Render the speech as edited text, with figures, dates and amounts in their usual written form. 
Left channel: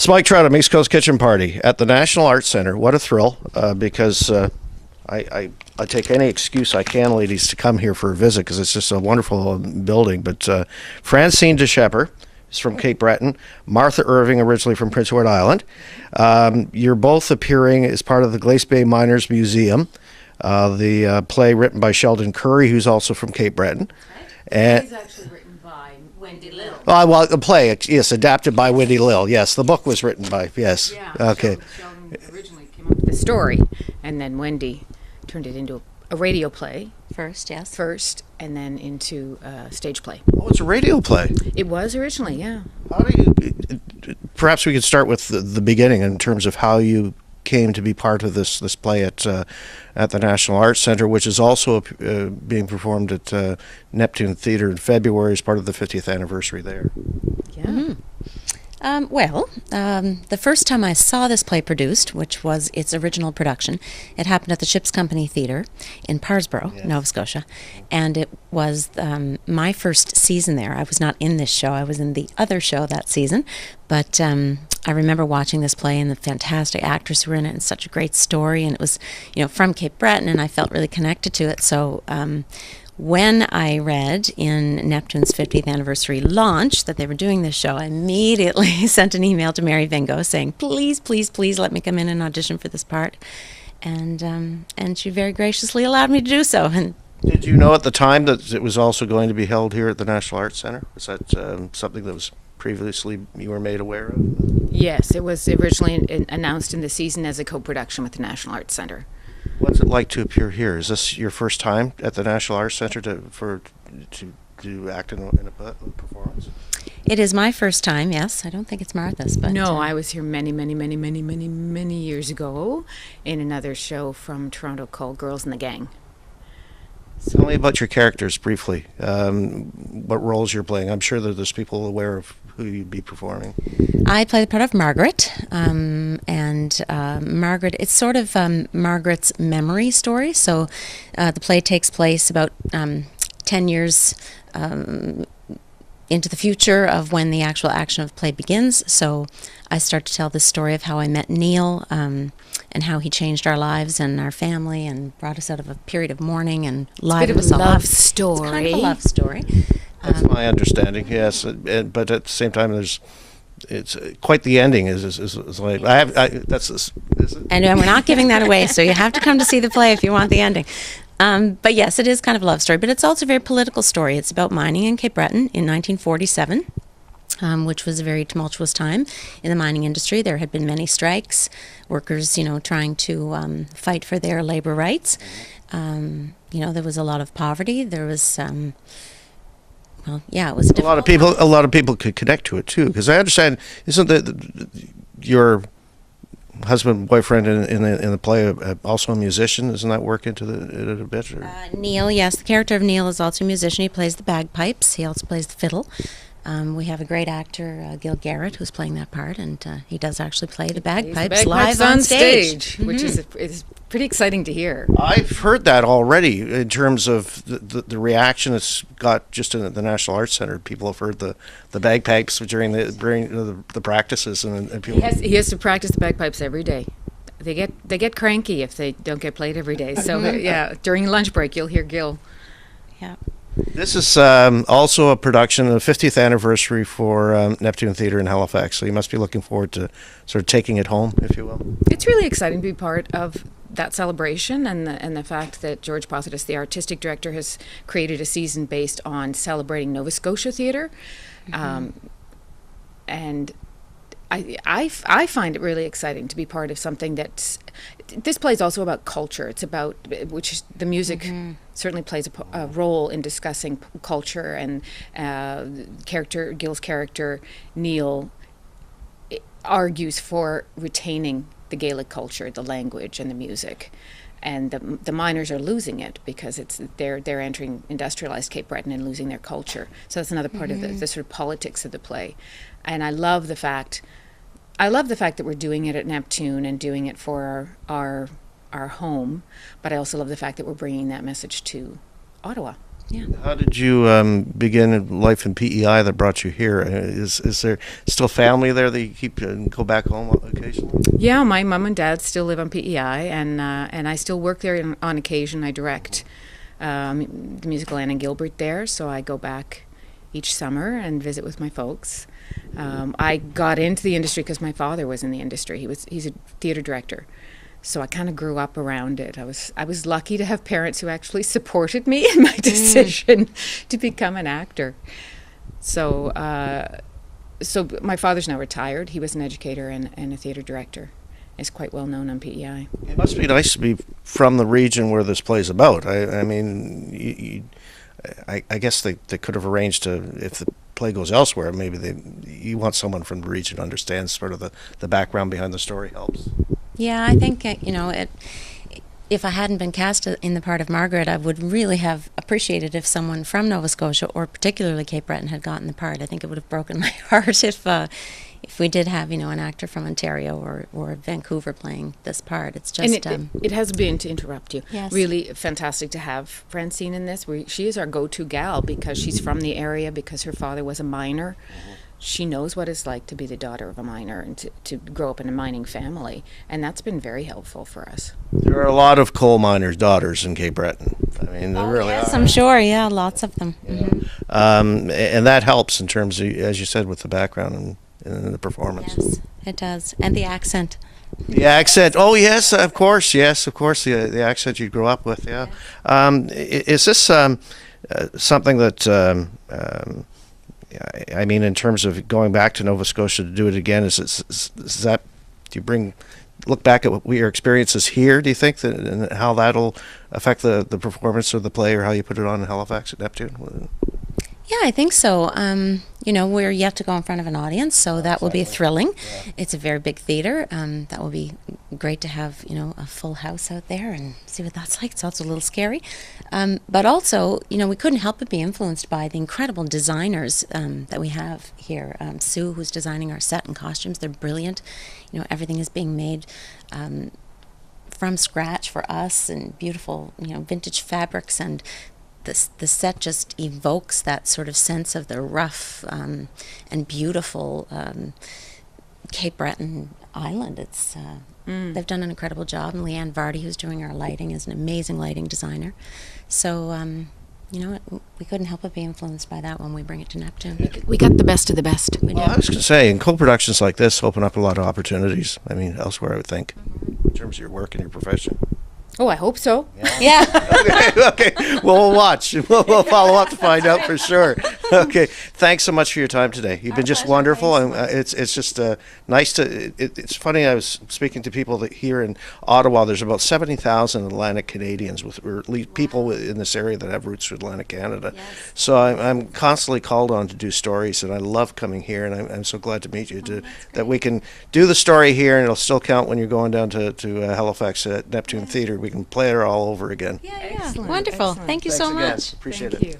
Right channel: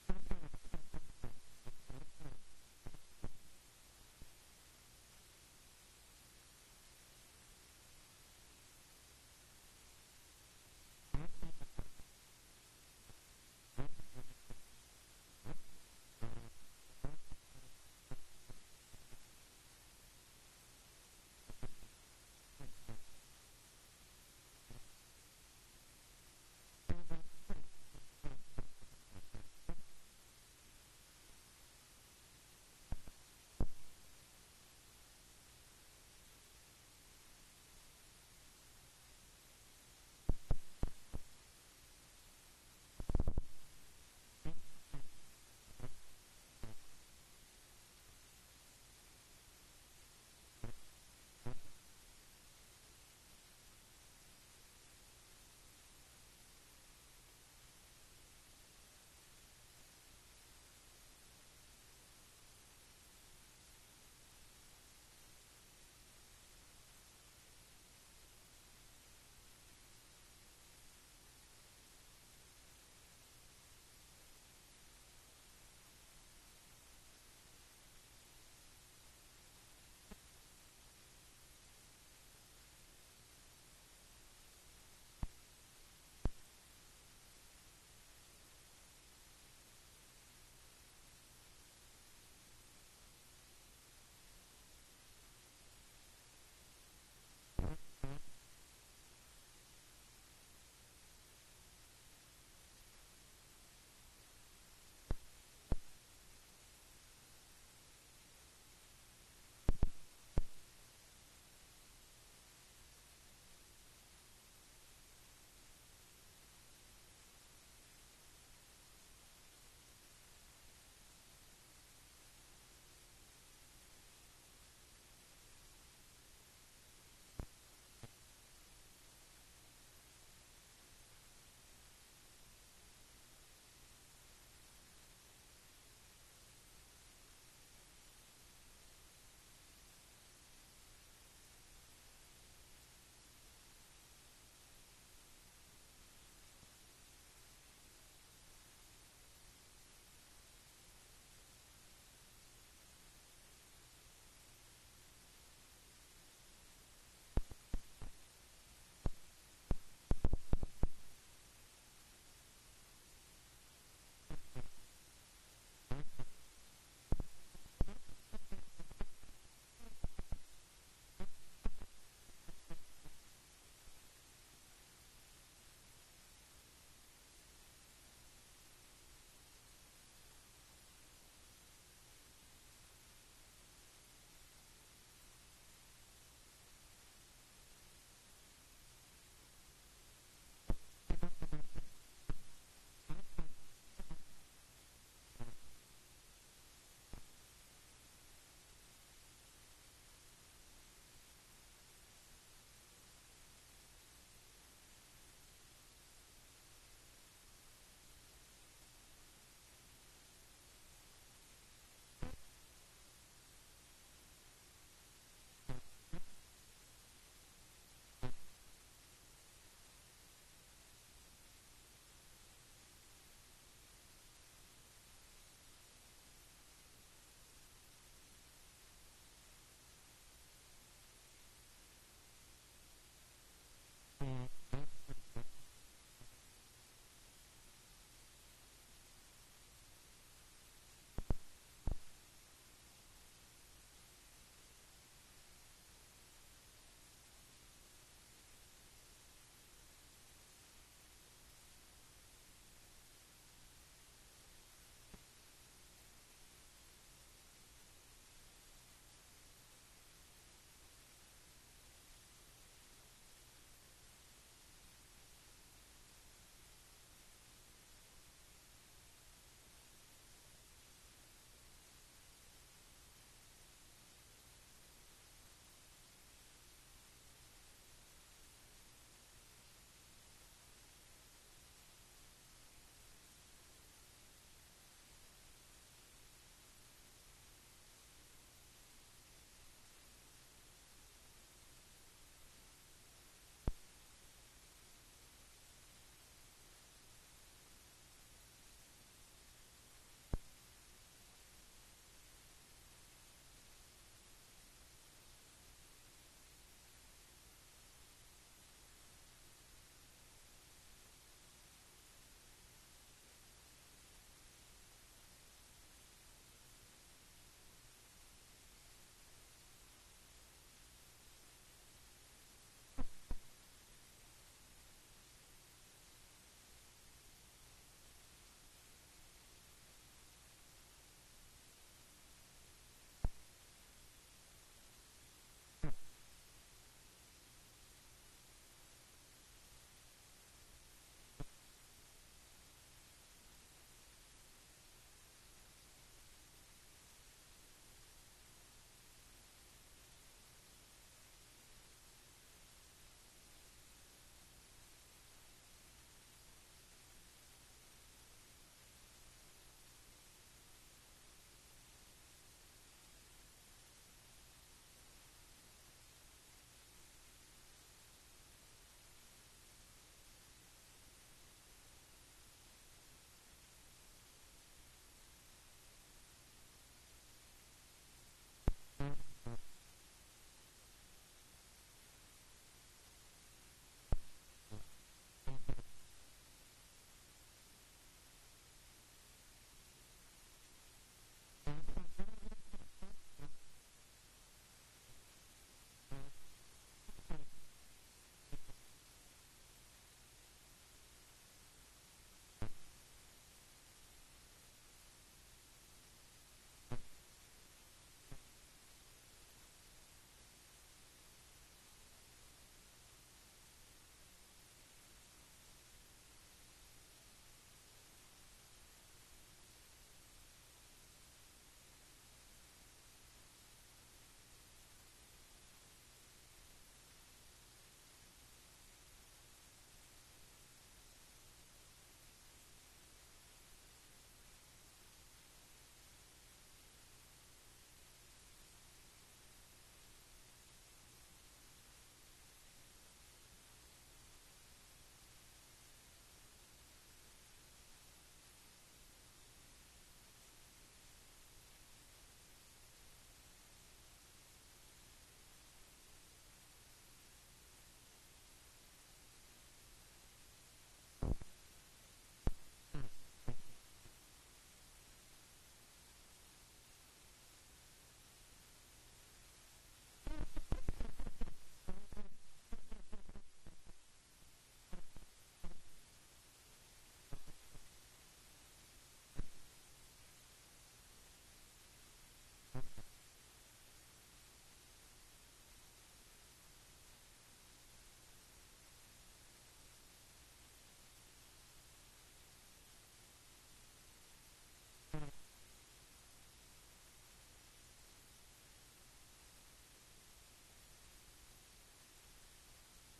It's Mike Trout, East Coast Kitchen Party at the National Arts Center. What a thrill, because I take any excuse I can, ladies, to come here for a visit because it's just a wonderful building. But Francine DeShepper is from Cape Breton. Martha Irving, originally from Prince Edward Island. You're both appearing as part of the Glace Bay Miners Museum, the play written by Sheldon Curry, who's also from Cape Breton. And It's actually written by Wendy Lill. well, the play, yes, adapted by Wendy Lill. Yes, the book was written by, yes. Yeah, Okay. Sheldon originally came up with the story, and then Wendy turned it into a radio play First, yes. first, and then into a stage play. Oh, it's a radio play. It was originally, yeah. How do you? Perhaps we could start with the beginning in terms of how you came to be part of this play at the National Arts Center, which is also being performed at Neptune Theatre in February as part of the 50th anniversary there. Yeah. Mm-hmm. The first time I saw this play produced, which was its original production, it happened at the Ships Company Theatre in Parsboro, Yes. Nova Scotia, and it was my first season there. I was not in this show, I was in the other show that season, but I remember watching this play and the fantastic actors who were in it and such a great story, and it was, from Cape Breton, and I felt really connected to it, so when I read in Neptune's 50th anniversary launch that they were doing this show, I immediately sent an email to Mary Vingo saying, please, please, please let me come in and audition for this part. And she very graciously allowed me to do so. And Did you know at the time that it was also going to be held here at the National Arts Center? Was that something that was previously you were made aware of? Yes, it was originally announced in the season as a co-production with the National Arts Center. What's it like to appear here? Is this your first time at the National Arts Center to act in a performance? it is my first time, yes. I don't think it's Martha's, but No, I was here many, many, many, many, many, many years ago in another show from Toronto called Girls in the Gang. Tell me about your characters briefly. What roles you're playing. I'm sure that there's people aware of who you'd be performing. I play the part of Margaret, and Margaret, it's sort of Margaret's memory story. So the play takes place about 10 years into the future of when the actual action of the play begins. So I start to tell the story of how I met Neil and how he changed our lives and our family and brought us out of a period of mourning and lighted us all up. It's kind It's a love story. That's my understanding. Yes, but at the same time, it's quite the ending. Is like that's is it? And we're not giving that away, so you have to come to see the play if you want the ending. But yes, it is kind of a love story, but it's also a very political story. It's about mining in Cape Breton in 1947, which was a very tumultuous time in the mining industry. There had been many strikes, workers, trying to fight for their labor rights. There was a lot of poverty. There was, it was A lot of people. A lot of people could connect to it too, because I understand. Isn't your husband, boyfriend in the play also a musician? Doesn't that work into it a bit? Or? Neil, yes, the character of Neil is also a musician. He plays the bagpipes. He also plays the fiddle. We have a great actor, Gil Garrett, who's playing that part, and he does actually play the bagpipes live on stage. Which is pretty exciting to hear. I've heard that already in terms of the reaction it's got just in the National Arts Center. People have heard the bagpipes during the practices, and people. He has to practice the bagpipes every day. They get cranky if they don't get played every day. So yeah, during lunch break you'll hear Gil. Yeah. This is also a production of the 50th anniversary for Neptune Theatre in Halifax, so you must be looking forward to sort of taking it home, if you will. It's really exciting to be part of that celebration, and the fact that George Positus, the artistic director, has created a season based on celebrating Nova Scotia theatre. And I find it really exciting to be part of something that's. This play is also about culture. It's about which the music certainly plays a role in discussing culture, and Gil's character Neil argues for retaining the Gaelic culture, the language, and the music. And the miners are losing it because they're entering industrialized Cape Breton and losing their culture. So that's another part of the sort of politics of the play. And I love the fact that we're doing it at Neptune and doing it for our home, but I also love the fact that we're bringing that message to Ottawa. Yeah. How did you begin life in PEI that brought you here? Is there still family there that you keep go back home occasionally? Yeah, my mom and dad still live on PEI, and I still work there on occasion. I direct the musical Anna Gilbert there, so I go back each summer and visit with my folks. I got into the industry because my father was in the industry. He's a theater director, so I kind of grew up around it. I was lucky to have parents who actually supported me in my decision to become an actor. So so my father's now retired. He was an educator and a theater director. Is quite well known on PEI. It must be nice to be from the region where this play's about. I mean, I guess they could have arranged to, if the play goes elsewhere, maybe you want someone from the region who understands sort of the background behind the story helps. Yeah, I think, if I hadn't been cast in the part of Margaret, I would really have appreciated if someone from Nova Scotia, or particularly Cape Breton, had gotten the part. I think it would have broken my heart if we did have, an actor from Ontario or Vancouver playing this part. It's just... And it has been, to interrupt you, Yes. really fantastic to have Francine in this. She is our go-to gal because she's from the area, because her father was a miner. She knows what it's like to be the daughter of a miner and to grow up in a mining family, and that's been very helpful for us. There are a lot of coal miners' daughters in Cape Breton. I mean, there really yes, are. I'm sure, yeah, lots of them. Yeah. Mm-hmm. And that helps in terms of, as you said, with the background and the performance. Yes, it does. And the accent. The accent. Oh, yes, of course. Yes, of course. The accent you grew up with. Yeah. Is this something that? I mean, in terms of going back to Nova Scotia to do it again, is that? Do you look back at what your experiences here? Do you think that, and how that'll affect the performance of the play, or how you put it on in Halifax at Neptune? Yeah, I think so. We're yet to go in front of an audience, so that will be thrilling. Yeah. It's a very big theater. That will be great to have, a full house out there and see what that's like. It's also a little scary. But also, we couldn't help but be influenced by the incredible designers that we have here. Sue, who's designing our set and costumes, they're brilliant. Everything is being made from scratch for us, and beautiful, vintage fabrics, and the set just evokes that sort of sense of the rough and beautiful Cape Breton island. It's they've done an incredible job, and Leanne Vardy, who's doing our lighting, is an amazing lighting designer. So we couldn't help but be influenced by that when we bring it to Neptune. We got the best of the best. We Well, did. I was going to say, and co-productions like this open up a lot of opportunities. I mean, elsewhere, I would think, in terms of your work and your profession. Oh, I hope so. Yeah. Okay. Well, we'll watch. We'll follow up to find out for sure. Okay. Thanks so much for your time today. You've been just pleasure. wonderful, Thanks and so much. it's just nice to. It's funny. I was speaking to people that here in Ottawa. There's about 70,000 Atlantic Canadians, or at least people in this area that have roots to Atlantic Canada. Yes. So I'm constantly called on to do stories, and I love coming here. And I'm so glad to meet you. That we can do the story here, and it'll still count when you're going down to Halifax at Neptune Theatre. We can play it all over again. Yeah, Excellent, wonderful. excellent. Thank you Thanks so again. much. Appreciate Thank it. you.